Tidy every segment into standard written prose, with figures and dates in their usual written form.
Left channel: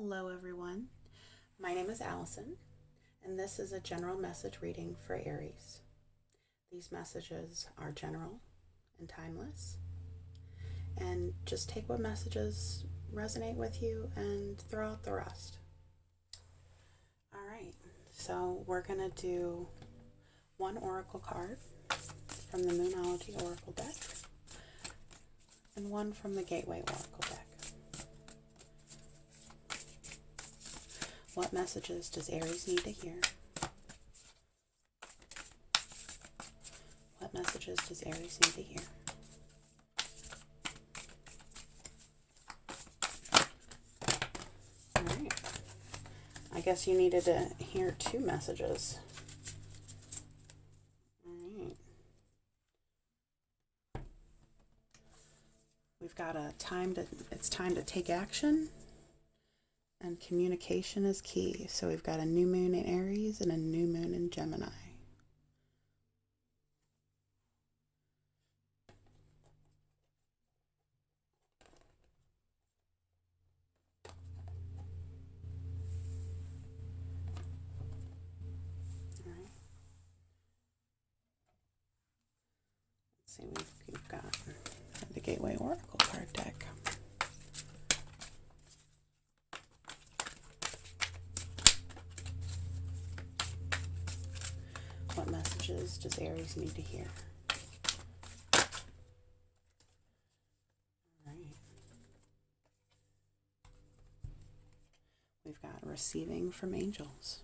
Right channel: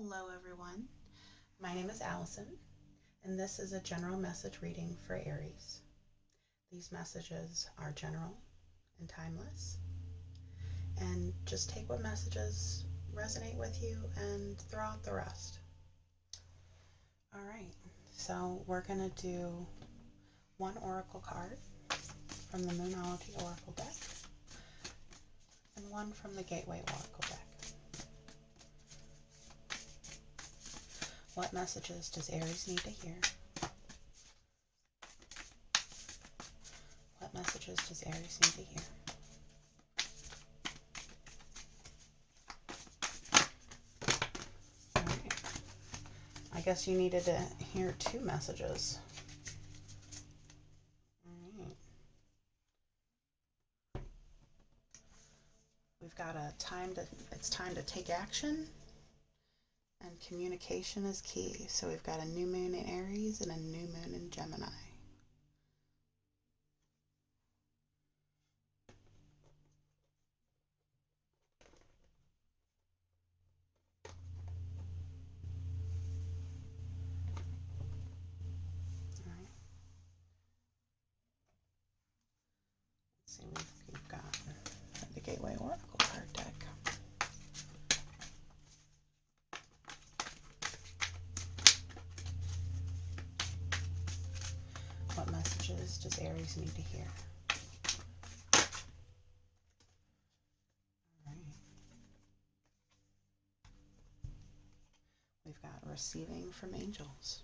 Hello, everyone. My name is Allison, and this is a general message reading for Aries. These messages are general and timeless, and just take what messages resonate with you and throw out the rest. All right, so we're going to do one oracle card from the Moonology Oracle deck and one from the Gateway Oracle deck. What messages does Aries need to hear? What messages does Aries need to hear? All right. I guess you needed to hear two messages. All right. We've got it's time to take action. And communication is key. So we've got a new moon in Aries and a new moon in Gemini. All right. Let's see, we've got the Gateway Oracle card deck. What messages does Aries need to hear? All right. We've got receiving from angels.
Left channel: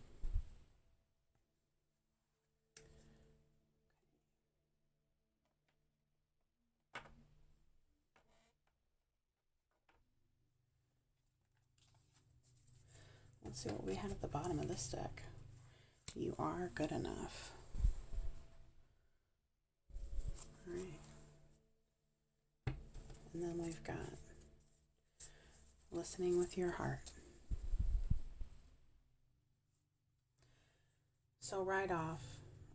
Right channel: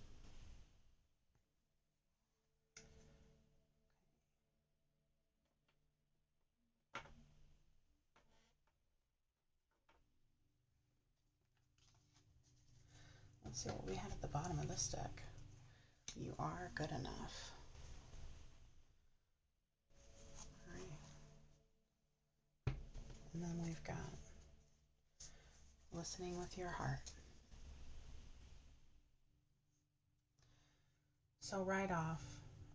Let's see what we had at the bottom of this deck. You are good enough. All right. And then we've got listening with your heart. So right off,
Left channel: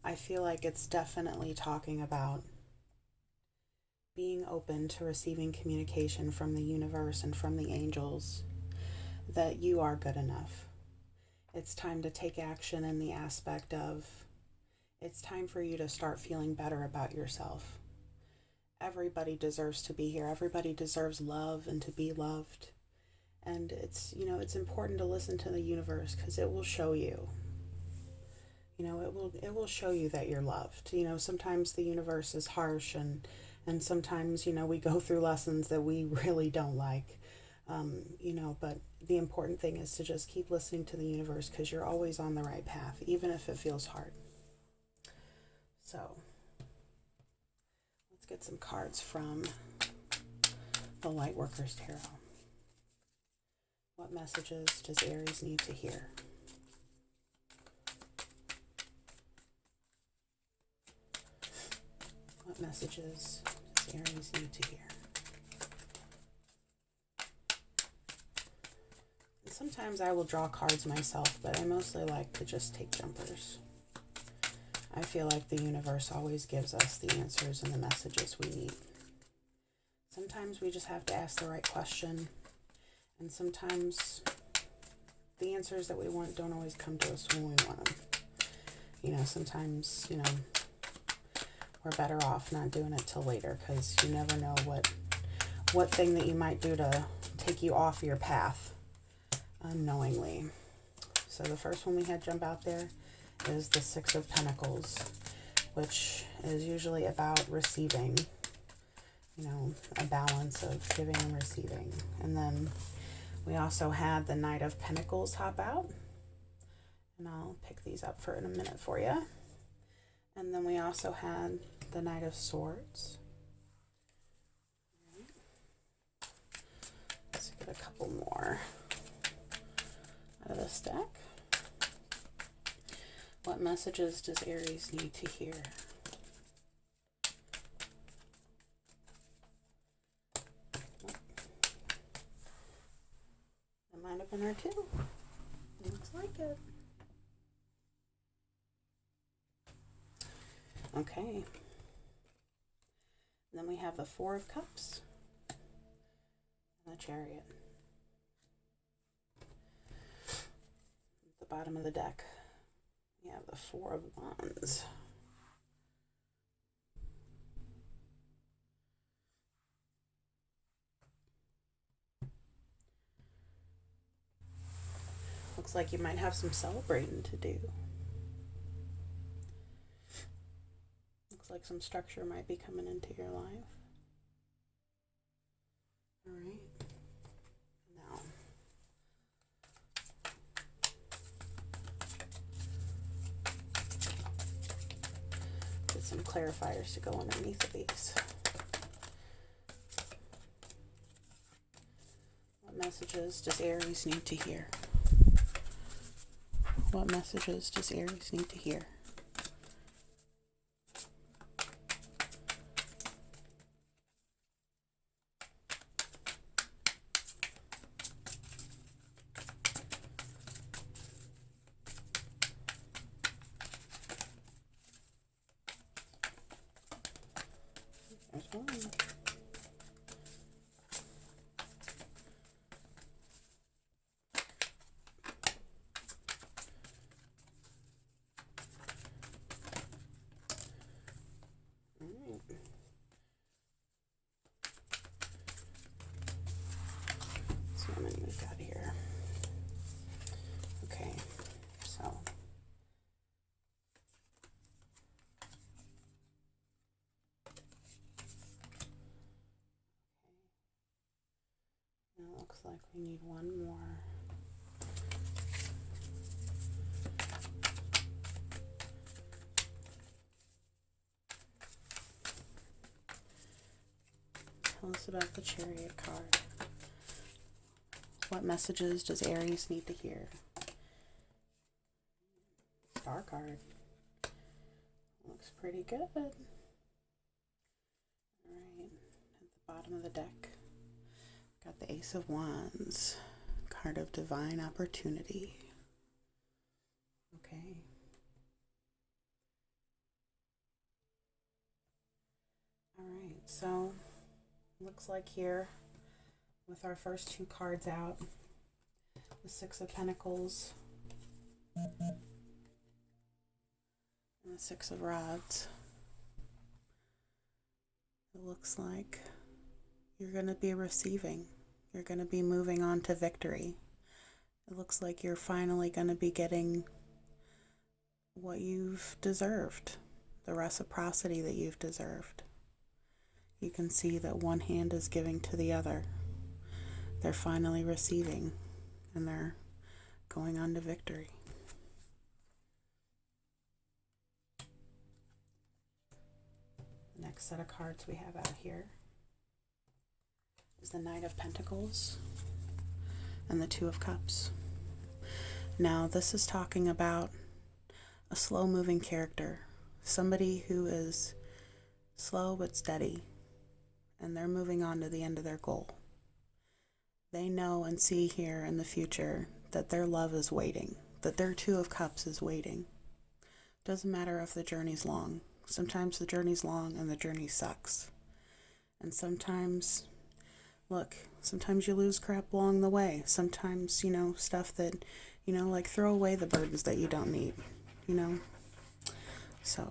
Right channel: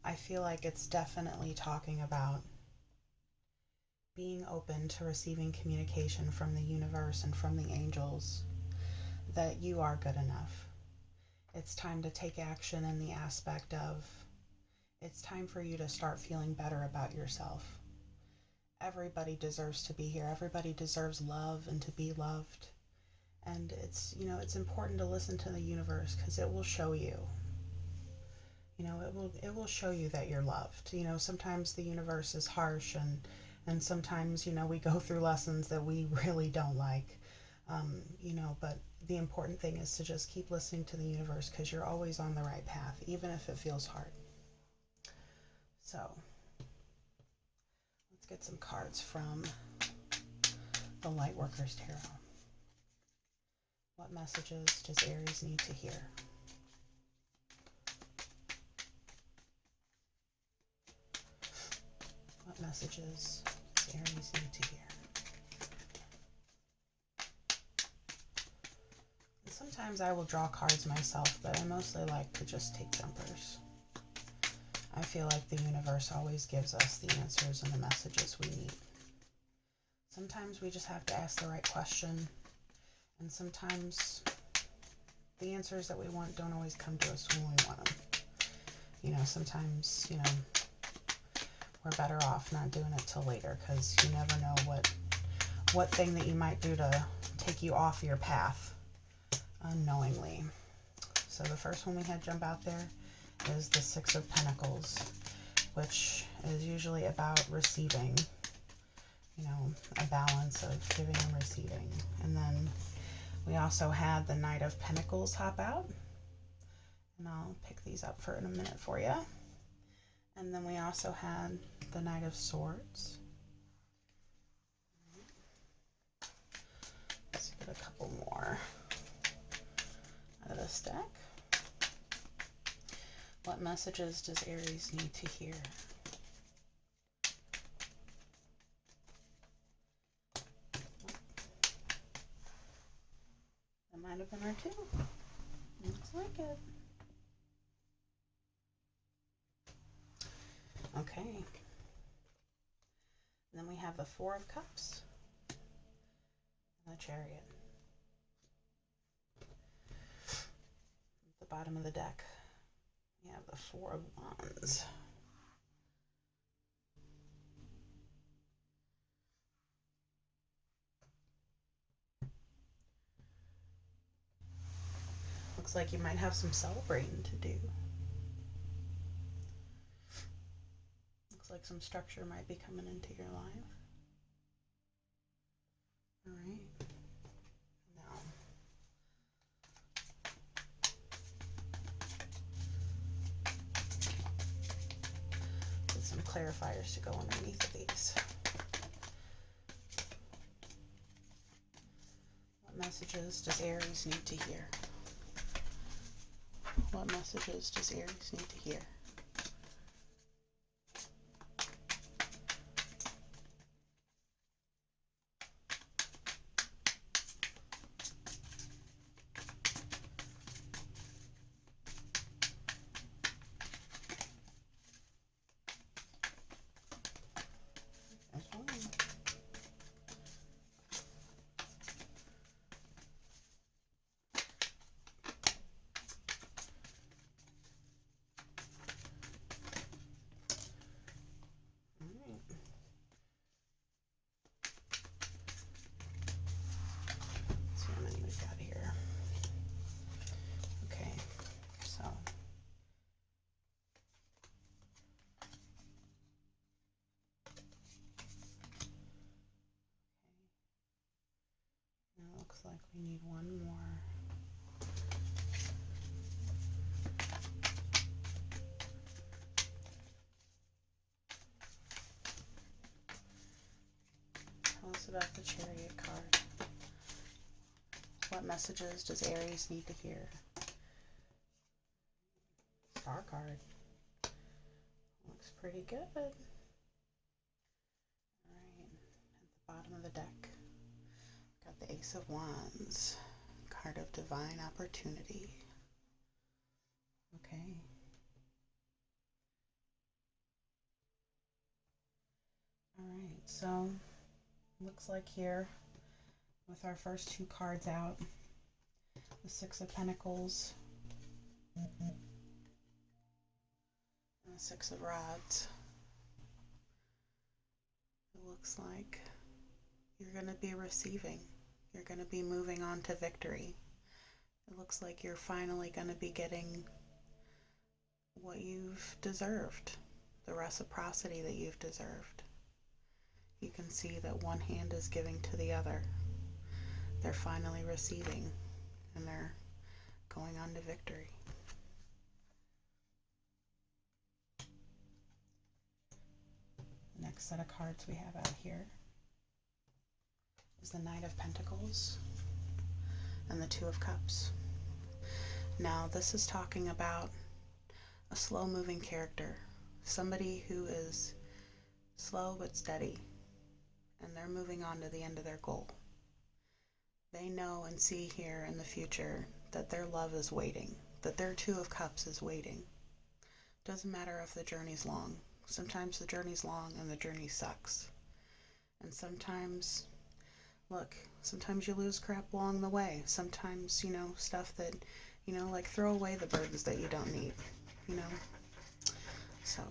I feel like it's definitely talking about being open to receiving communication from the universe and from the angels that you are good enough. It's time to take action in the aspect of it's time for you to start feeling better about yourself. Everybody deserves to be here. Everybody deserves love and to be loved. And it's important to listen to the universe because it will show you. It will show you that you're loved. Sometimes the universe is harsh and sometimes, we go through lessons that we really don't like. But the important thing is to just keep listening to the universe because you're always on the right path, even if it feels hard. So let's get some cards from the Lightworkers Tarot. What messages does Aries need to hear? What messages does Aries need to hear? Sometimes I will draw cards myself, but I mostly like to just take jumpers. I feel like the universe always gives us the answers and the messages we need. Sometimes we just have to ask the right question, and sometimes the answers that we want don't always come to us when we want them. Sometimes, we're better off not doing it till later because you never know what thing that you might do to take you off your path unknowingly. So the first one we had jump out there is the Six of Pentacles, which is usually about receiving, a balance of giving and receiving. And then we also had the Knight of Pentacles hop out, and I'll pick these up for in a minute for you. And then we also had the Knight of Swords. Let's get a couple more out of this deck. What messages does Aries need to hear? That might have been her too. Looks like it. Okay. Then we have the Four of Cups and the Chariot. bottom of the deck, we have the Four of Wands. Looks like you might have some celebrating to do. Looks like some structure might be coming into your life. All right. Now, get some clarifiers to go underneath of these. What messages does Aries need to hear? What messages does Aries need to hear? There's one. See how many we've got here. Okay, so it looks like we need one more. Tell us about the Chariot card. What messages does Aries need to hear? Star card. Looks pretty good. All right, at the bottom of the deck, got the Ace of Wands, card of divine opportunity. Okay. All right, so looks like here with our first two cards out, the Six of Pentacles and the Six of Rods, it looks like you're going to be receiving. You're going to be moving on to victory. It looks like you're finally going to be getting what you've deserved, the reciprocity that you've deserved. You can see that one hand is giving to the other. They're finally receiving, and they're going on to victory. Next set of cards we have out here is the Knight of Pentacles and the Two of Cups. Now, this is talking about a slow-moving character, somebody who is slow but steady, and they're moving on to the end of their goal. They know and see here in the future that their love is waiting, that their Two of Cups is waiting. Doesn't matter if the journey's long. Sometimes the journey's long and the journey sucks. And sometimes, look, sometimes you lose crap along the way. Sometimes, stuff that, like throw away the burdens that you don't need, So,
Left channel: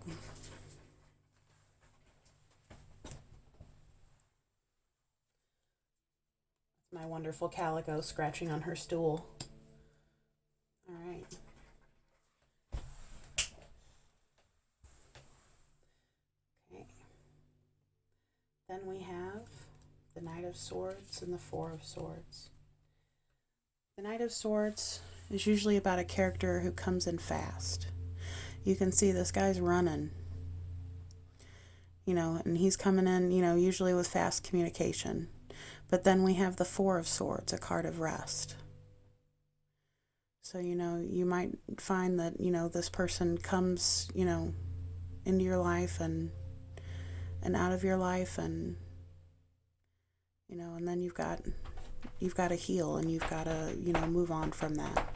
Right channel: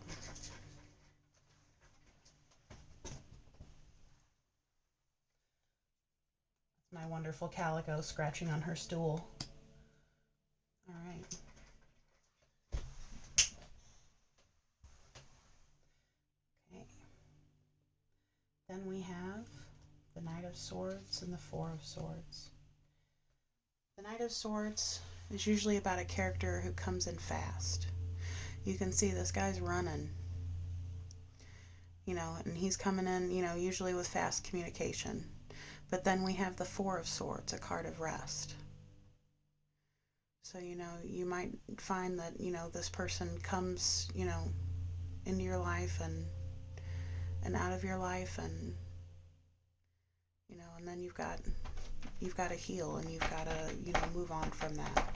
my wonderful Calico scratching on her stool. All right. Okay. Then we have the Knight of Swords and the Four of Swords. The Knight of Swords is usually about a character who comes in fast. You can see this guy's running, and he's coming in, usually with fast communication. But then we have the Four of Swords, a card of rest. So, you might find that, this person comes, into your life and out of your life, and, and then you've got to heal, and you've got to, move on from that.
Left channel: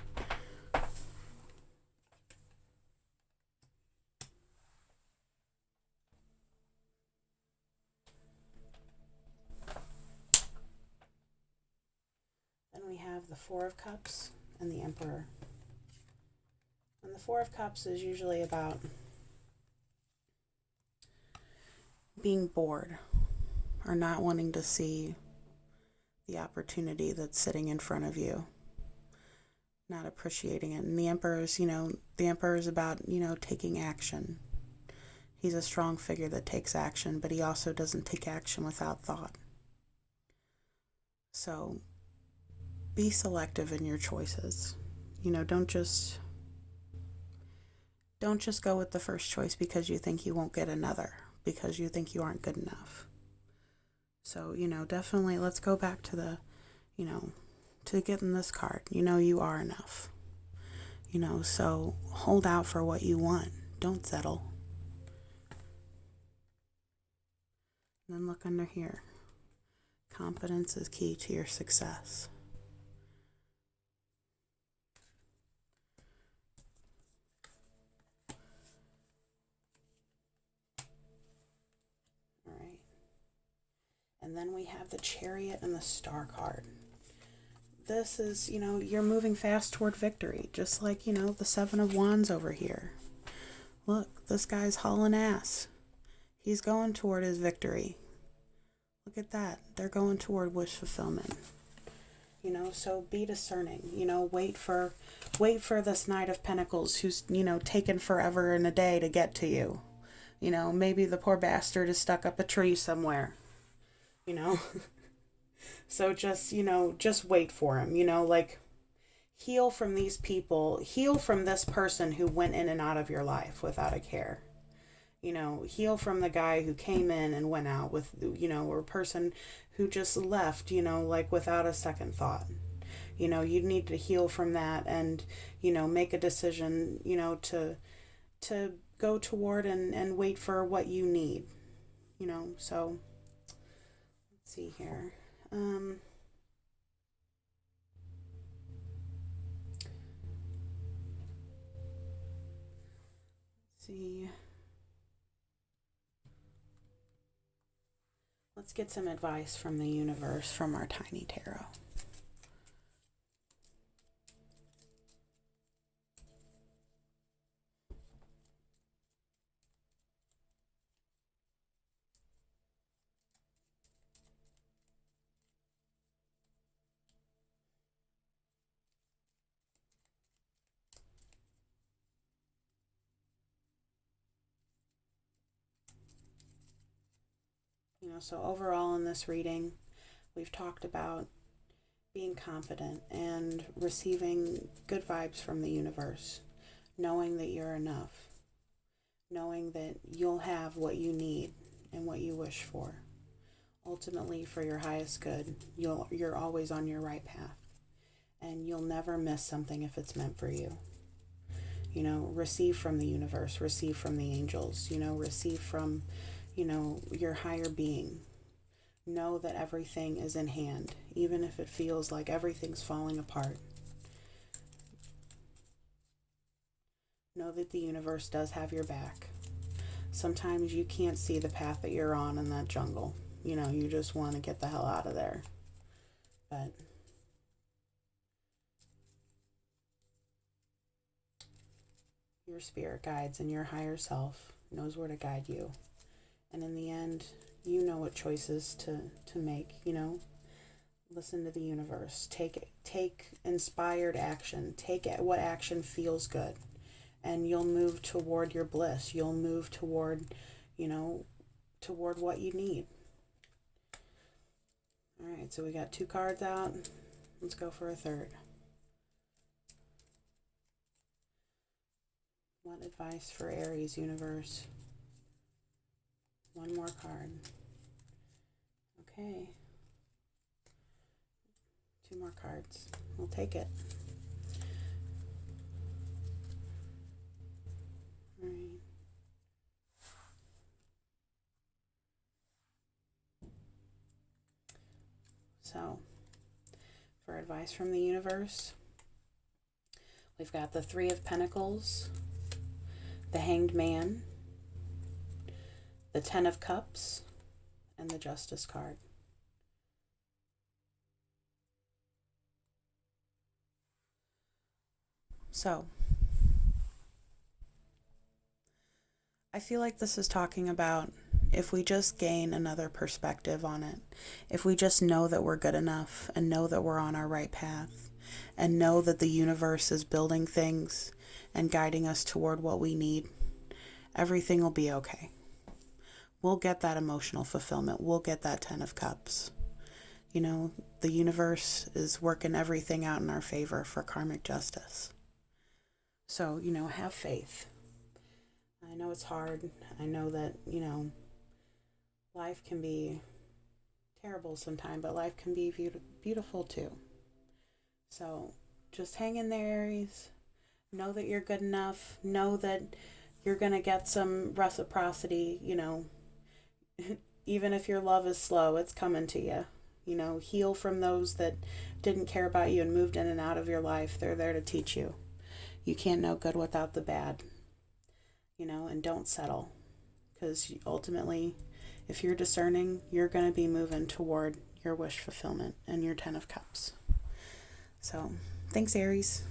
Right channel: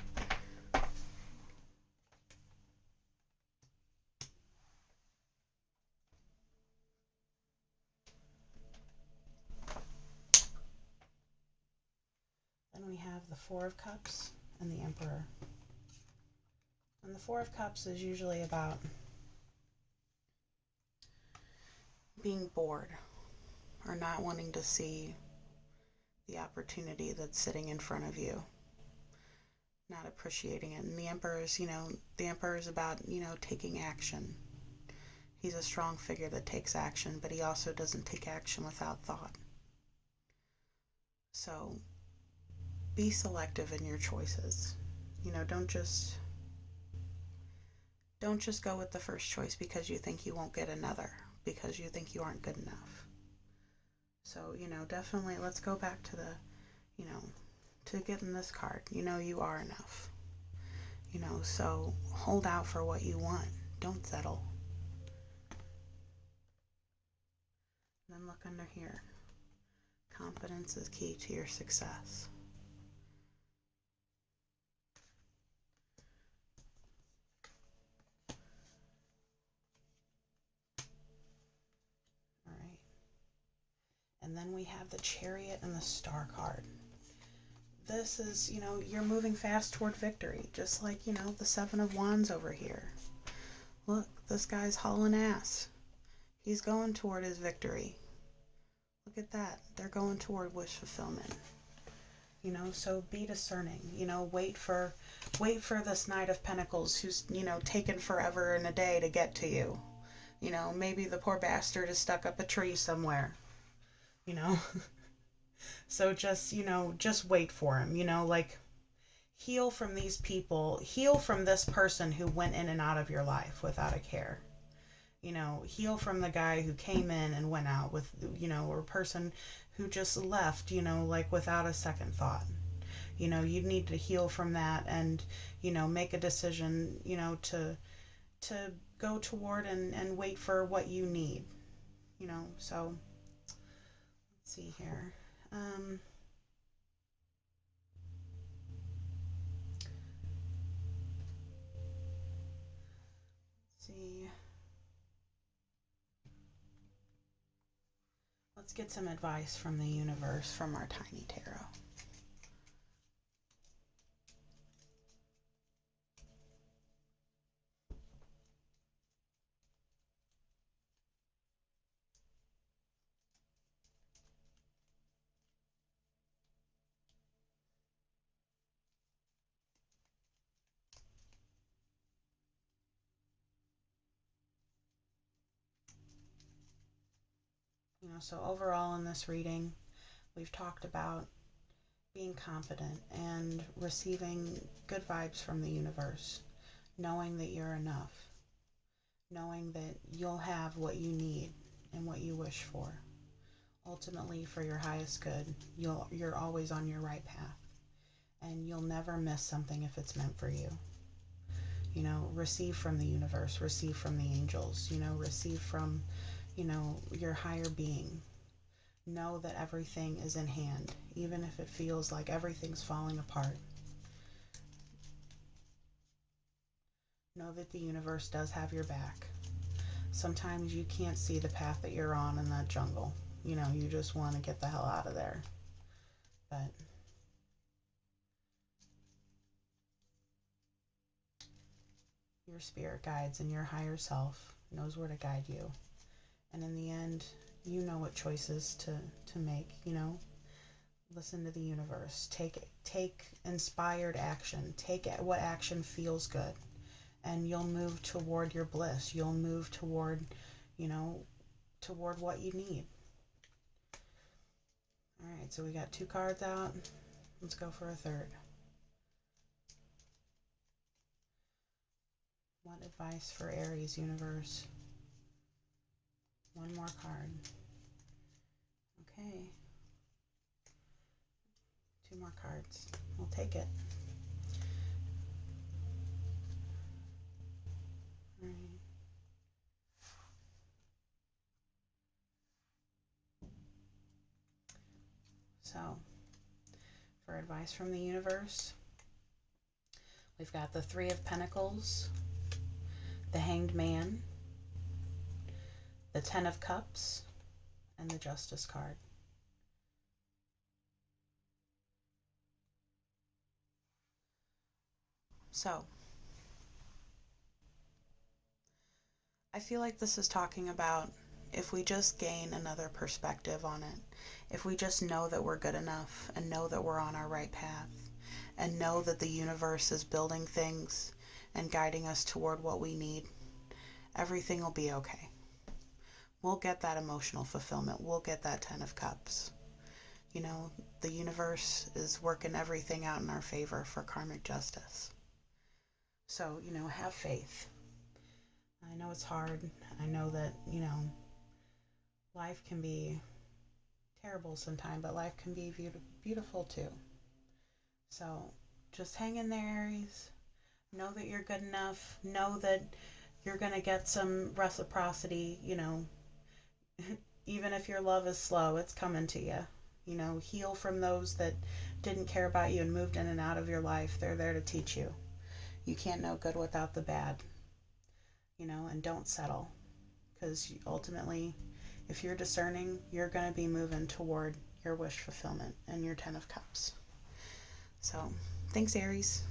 Then we have the Four of Cups and the Emperor. And the Four of Cups is usually about being bored or not wanting to see the opportunity that's sitting in front of you, not appreciating it. And the Emperor's, the Emperor is about, taking action. He's a strong figure that takes action, but he also doesn't take action without thought. So be selective in your choices. Don't just go with the first choice because you think you won't get another, because you think you aren't good enough. So, definitely let's go back to the, to getting this card. You are enough. So hold out for what you want. Don't settle. And then look under here. Confidence is key to your success. All right. And then we have the Chariot and the Star card. This is, you're moving fast toward victory, just like, the Seven of Wands over here. Look, this guy's hauling ass. He's going toward his victory. Look at that. They're going toward wish fulfillment. So be discerning. Wait for this Knight of Pentacles who's, taken forever and a day to get to you. Maybe the poor bastard is stuck up a tree somewhere. So just wait for him, heal from these people, heal from this person who went in and out of your life without a care. Heal from the guy who came in and went out with, or a person who just left, without a second thought. You need to heal from that and, make a decision, to go toward and wait for what you need, so let's see here. Let's get some advice from the universe from our tiny tarot. So overall in this reading, we've talked about being confident and receiving good vibes from the universe, knowing that you're enough, knowing that you'll have what you need and what you wish for. Ultimately, for your highest good, you're always on your right path, and you'll never miss something if it's meant for you. Receive from the universe, receive from the angels, receive from your higher being. Know that everything is in hand, even if it feels like everything's falling apart. Know that the universe does have your back. Sometimes you can't see the path that you're on in that jungle. You just want to get the hell out of there. But your spirit guides and your higher self knows where to guide you. And in the end, you know what choices to make, Listen to the universe. Take inspired action. Take what action feels good. And you'll move toward your bliss. You'll move toward what you need. All right, so we got 2 cards out. Let's go for a third. What advice for Aries, universe? 1 more card. Okay. 2 more cards. We'll take it. All right. So, for advice from the universe, we've got the 3 of Pentacles, the Hanged Man, the 10 of Cups, and the Justice card. So, I feel like this is talking about if we just gain another perspective on it, if we just know that we're good enough and know that we're on our right path and know that the universe is building things and guiding us toward what we need, everything will be okay. We'll get that emotional fulfillment. We'll get that 10 of Cups. You know, the universe is working everything out in our favor for karmic justice. So, have faith. I know it's hard. I know that, life can be terrible sometimes, but life can be beautiful too. So just hang in there, Aries. Know that you're good enough. Know that you're going to get some reciprocity, even if your love is slow, it's coming to you. Heal from those that didn't care about you and moved in and out of your life. They're there to teach you. You can't know good without the bad, and don't settle. Because ultimately, if you're discerning, you're going to be moving toward your wish fulfillment and your 10 of Cups. So, thanks, Aries.